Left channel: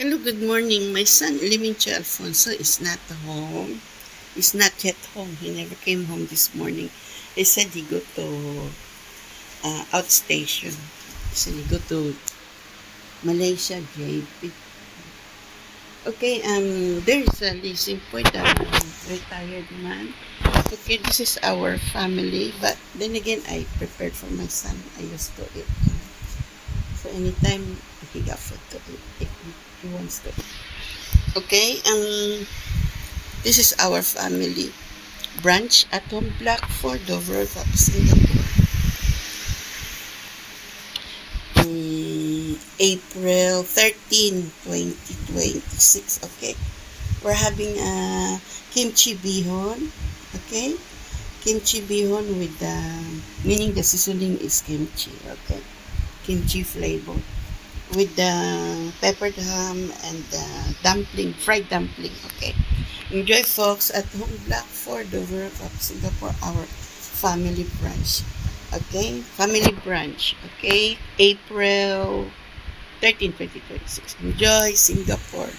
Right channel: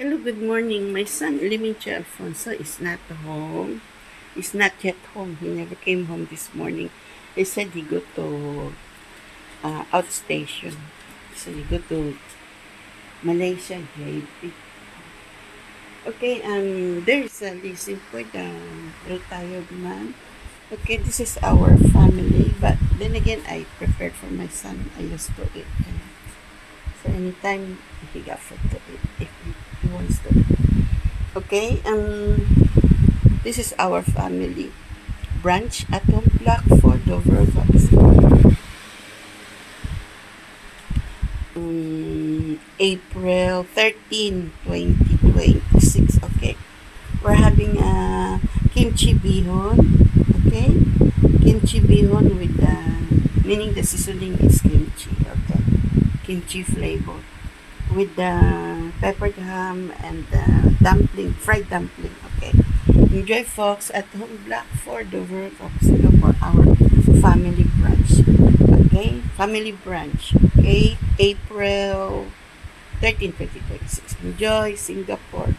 Hello, good morning. My son, Limincha Alfonso, is not home. He's not yet home. He never came home this morning. He said he go to outstation. So he go to Malaysia, JP. Okay, there is a leasing for the retired man. Okay, this is our family. But then again, I prepared for my son. I used to eat. So anytime he got food to eat, if he wants to. Okay, this is our family branch at home block for Dover Vapsila. April 13, 2026. Okay, we're having a kimchi bihon. Okay, kimchi bihon with the meaning the seasoning is kimchi. Okay, kimchi flavor with the peppered ham and the dumpling, fried dumpling. Okay. Enjoy, folks, at home block for Dover of Singapore, our family branch. Okay, family branch. Okay, April 13, 2026. Enjoy Singapore.